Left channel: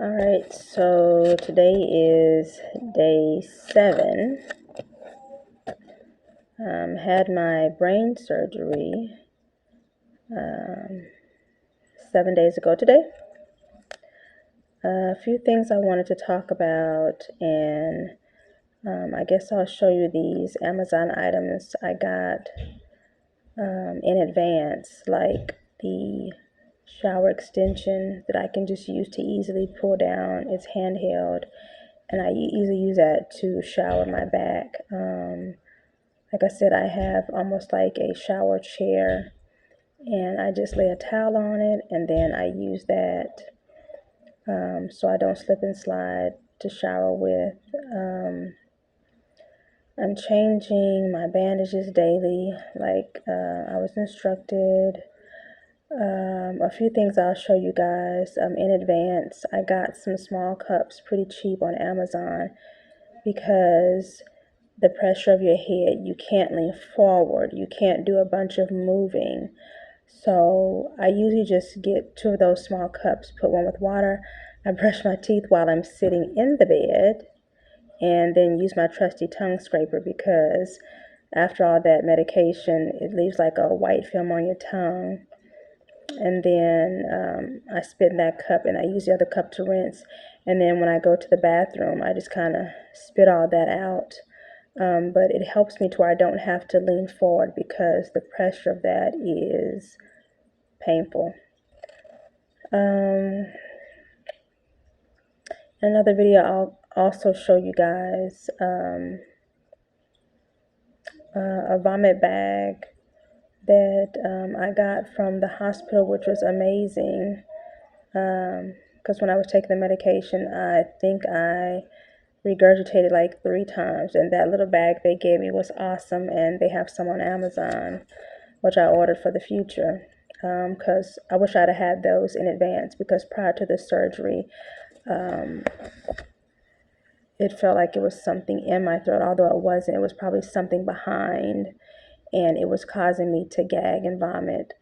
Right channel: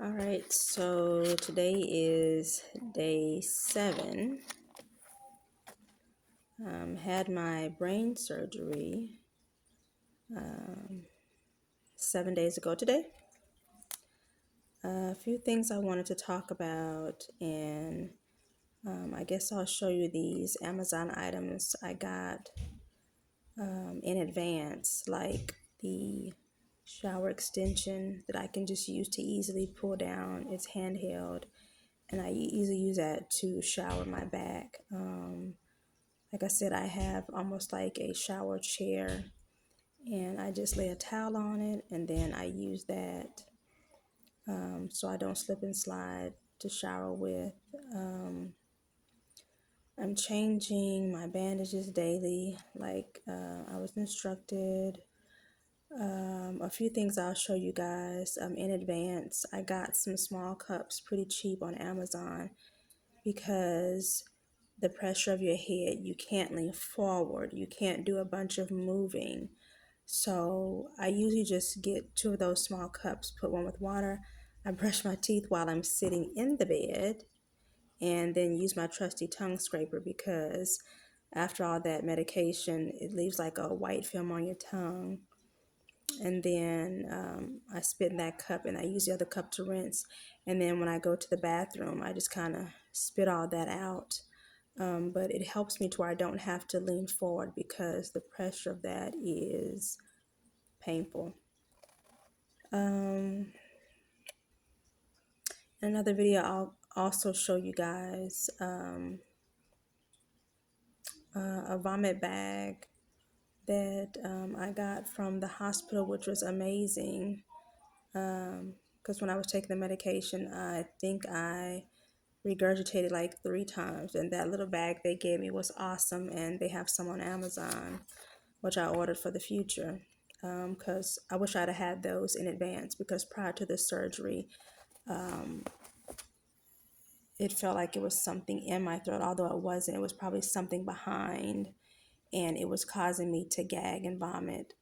All right, so today is day 7. Had my brain surgery 7 days ago today. A few things I wanted to talk about, and I guess I'll show you these Amazon items I got in advance, like the shower extension that I can just use to easily pull down. It's handheld, and I easily use that to shower my back. Like I said, I have almost like a shower chair, and I just lay a towel on it, and then I use that so I don't slip and slide to shower with. I'm changing my bandages daily, like I was instructed. A few things I'll show you guys in advance. I got some small cups pretty cheap on Amazon because the pressure of your head, you can't lean forward, you can't do a bunch of moving. So I usually just get 2 of those small cups, put one with water. I brush my teeth while I'm sitting in the bed, and then use my trusty tongue scraper because after all that medication, it leaves like a white film on your tongue. And then I spit in that cup, and I use the other cup to rinse. And then when I go to the bathroom, I just kind of spit all that out. But it helps me to where I don't have to lean forward because the pressure of that is painful. Another video, I'll also show you guys a vomit bag that I got from the hospital, which was amazing. Because when I was taking the medication, I think I regurgitated like 3 times, and that little bag they gave me was awesome. And they have some on Amazon, which I ordered for the future, because I wish I'd have had those in advance, because prior to the surgery, it felt like it was something in my throat, although it wasn't. It was probably something behind, and it was causing me to gag and vomit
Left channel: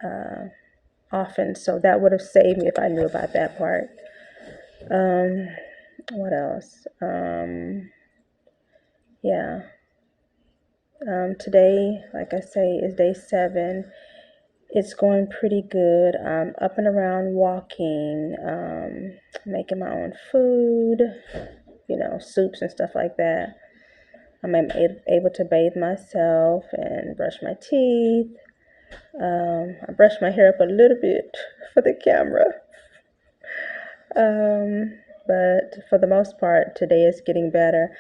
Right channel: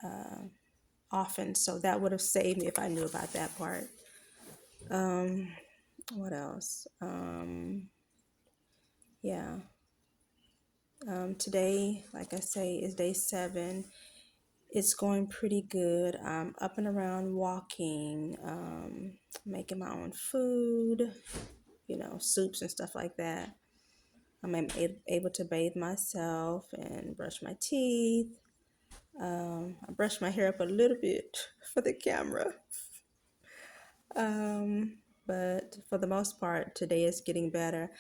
often. So that would have saved me if I knew about that part. What else? Yeah. Today, like I say, is day 7. It's going pretty good. I'm up and around walking, making my own food, soups and stuff like that. I'm able to bathe myself and brush my teeth. I brushed my hair up a little bit for the camera. But for the most part, today is getting better.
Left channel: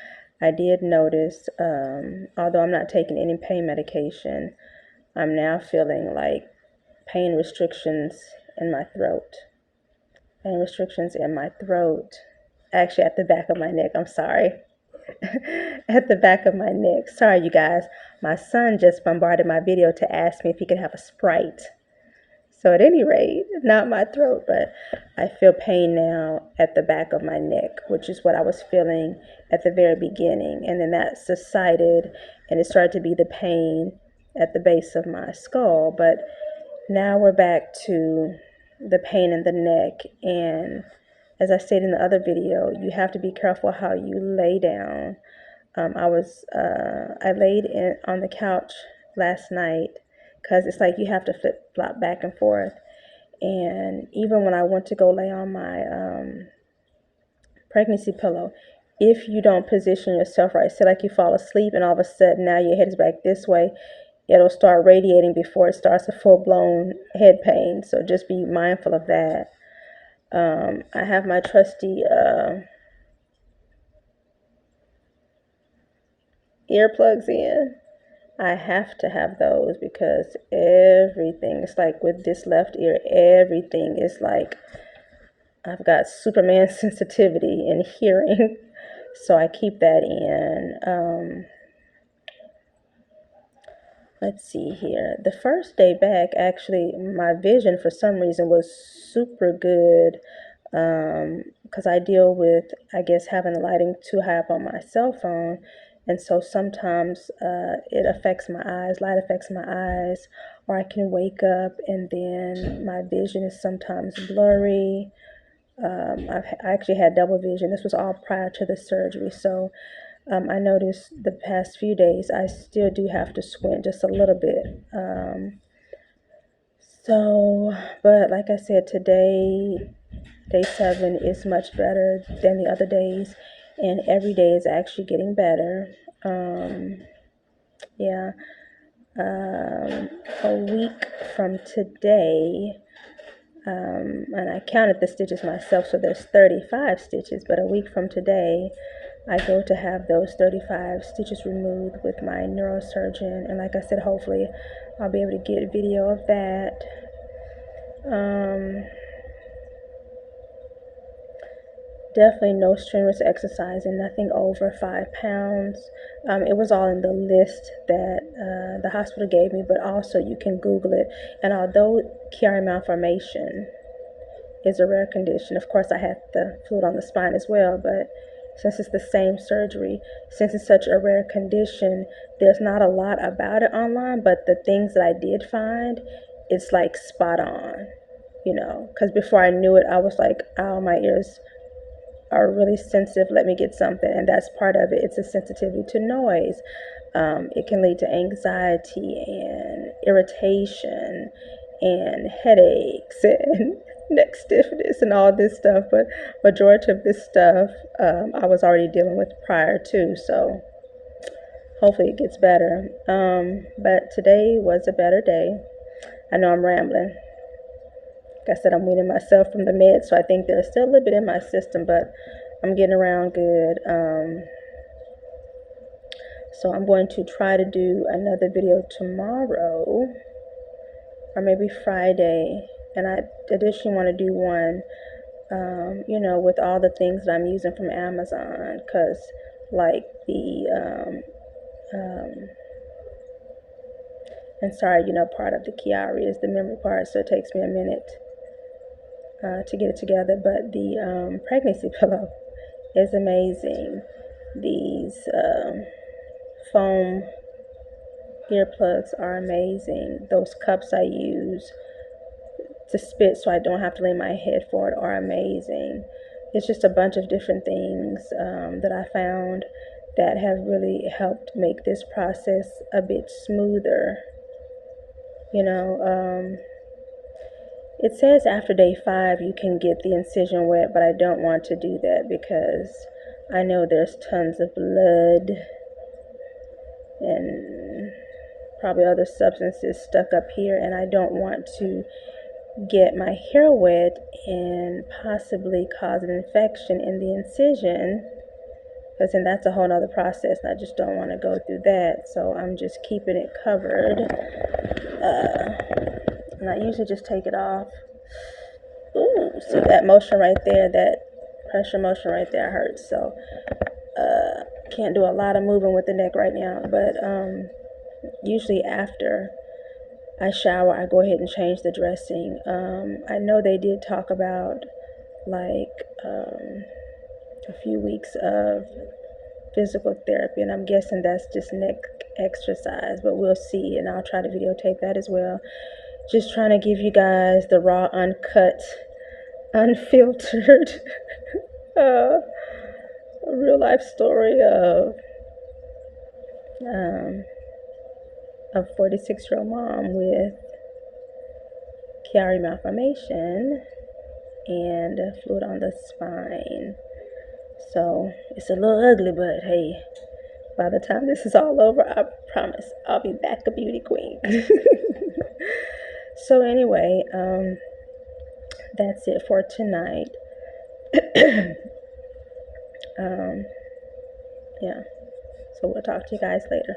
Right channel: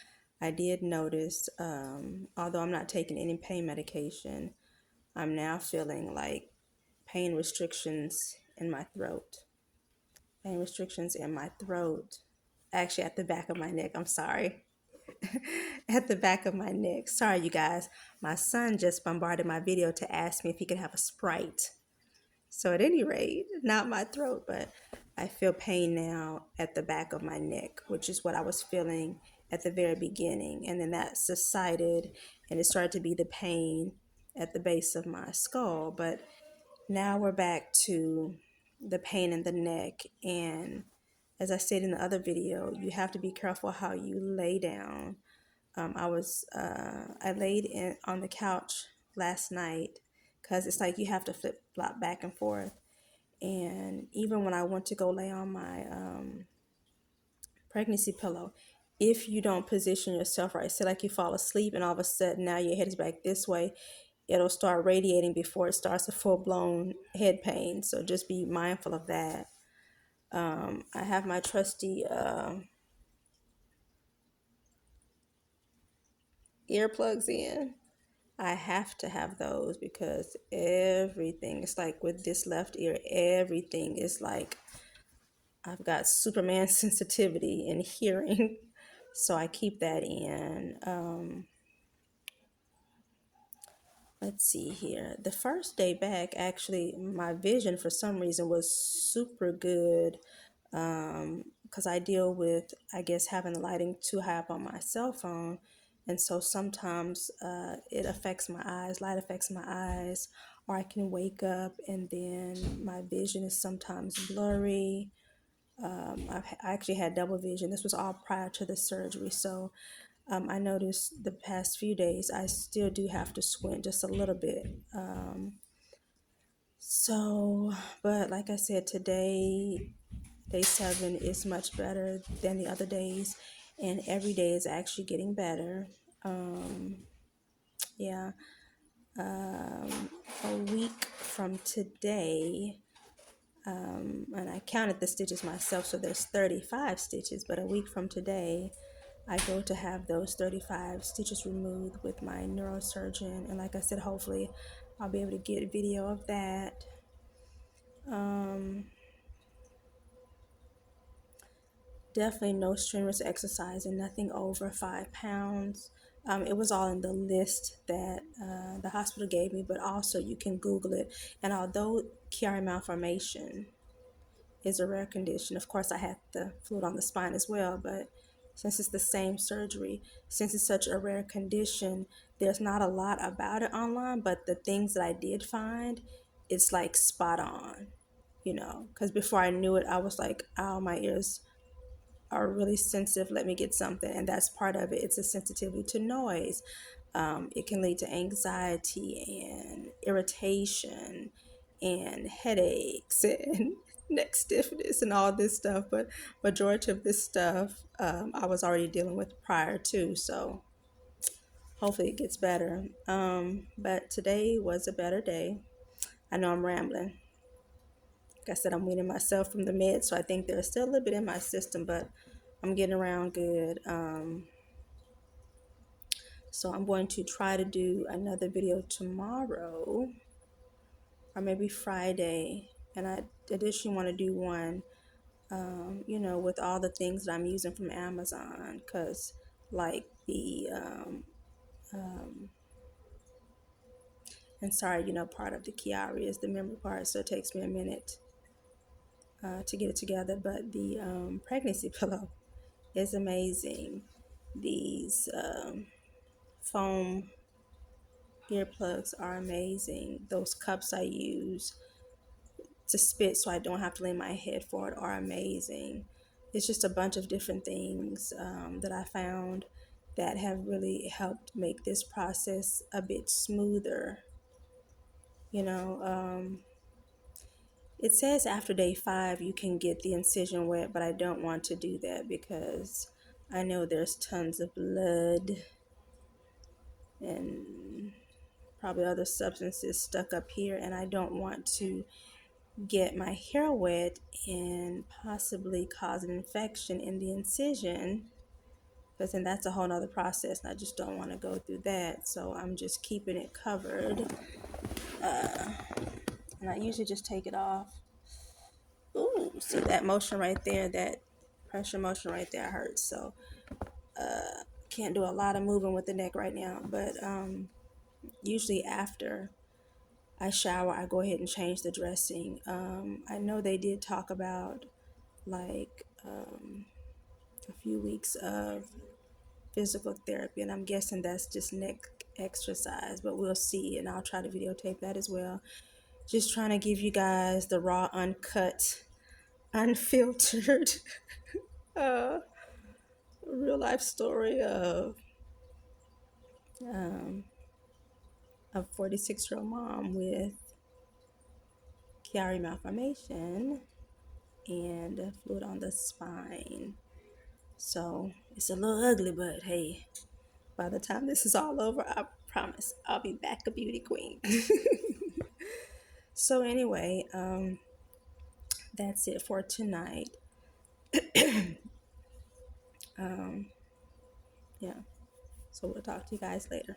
I did notice, although I'm not taking any pain medication, I'm now feeling like pain restrictions in my throat. Pain restrictions in my throat. Actually, at the back of my neck. I'm sorry. At the back of my neck. Sorry, you guys. My son just bombarded my video to ask me if he could have a Sprite. So at any rate, not my throat, but I feel pain now at the back of my neck, which is what I was feeling at the very beginning. And then that subsided, and it started to be the pain at the base of my skull. But now we're back to the pain in the neck. And as I said in the other video, you have to be careful how you lay down. I laid on the couch last night because it's like you have to flip flop back and forth. And even when I went to go lay on my pregnancy pillow, if you don't position yourself right, say like you fall asleep and all of a sudden now your head is back this way, it'll start radiating before it starts a full-blown head pain. So just be mindful of that. I have my trusty earplugs in. I have to have those because everything, it's like with this left ear, everything is like I've got Superman sensitivity in hearing. So I keep that in. Let's see here. The first day back, actually, my vision for some reason was super good because I deal with, I guess, having the lighting too high up on my cell phone. And so sometimes it affects my eyes, light affects my eyes, or I can wake up and then my vision is sometimes blurry. I actually had double vision. This was all prior to the surgery. So I noticed the past few days I still do have to squint just a little bit. But like I said, today, day 7 is much better than the other days, and every day is actually getting better. Yeah, a week from today, and I counted the stitches myself, so there's 35 stitches, but a week from today, I go to have those 35 stitches removed with my neurosurgeon, and like I said, hopefully I'll be able to get a video of that. Definitely no strenuous exercise and nothing over 5 pounds. It was all in the list that the hospital gave me, but also you can Google it. And although Chiari Malformation is a rare condition, of course I had the fluid on the spine as well, but since it's the same surgery, since it's such a rare condition, there's not a lot about it online, but the things that I did find, it's like spot on, because before I knew it, I was like, oh, my ears are really sensitive, let me get something. And that's part of it. It's a sensitivity to noise. It can lead to anxiety and irritation and headaches and neck stiffness and all this stuff. But majority of this stuff I was already dealing with prior to, so hopefully it gets better. But today was a better day. I know I'm rambling. Like I said, I'm weaning myself from the meds, so I think there's still a little bit in my system, but I'm getting around good. So I'm going to try to do another video tomorrow or maybe Friday, and I additionally want to do one, with all the things that I'm using from Amazon, because like and sorry, part of the Chiari is the memory part, so it takes me a minute to get it together, but the pregnancy pillow is amazing. These foam earplugs are amazing. Those cups I use to spit so I don't have to lay my head forward are amazing. It's just a bunch of different things that I found that have really helped make this process a bit smoother. It says after day 5 you can get the incision wet, but I don't want to do that because I know there's tons of blood and probably other substances stuck up here, and I don't want to get my hair wet and possibly cause an infection in the incision, because then that's a whole nother process, and I just don't want to go through that. So I'm just keeping it covered, and I usually just take it off. Ooh, see that motion right there, that pressure motion right there hurts. So can't do a lot of moving with the neck right now, but usually after I shower, I go ahead and change the dressing. I know they did talk about like a few weeks of physical therapy, and I'm guessing that's just neck exercise, but we'll see, and I'll try to videotape that as well. Just trying to give you guys the raw, uncut, unfiltered real life story of a 46-year-old mom with Chiari Malformation and fluid on the spine. So it's a little ugly, but hey, by the time this is all over, I promise I'll be back a beauty queen. So anyway, that's it for tonight. Yeah, so we'll talk to you guys later.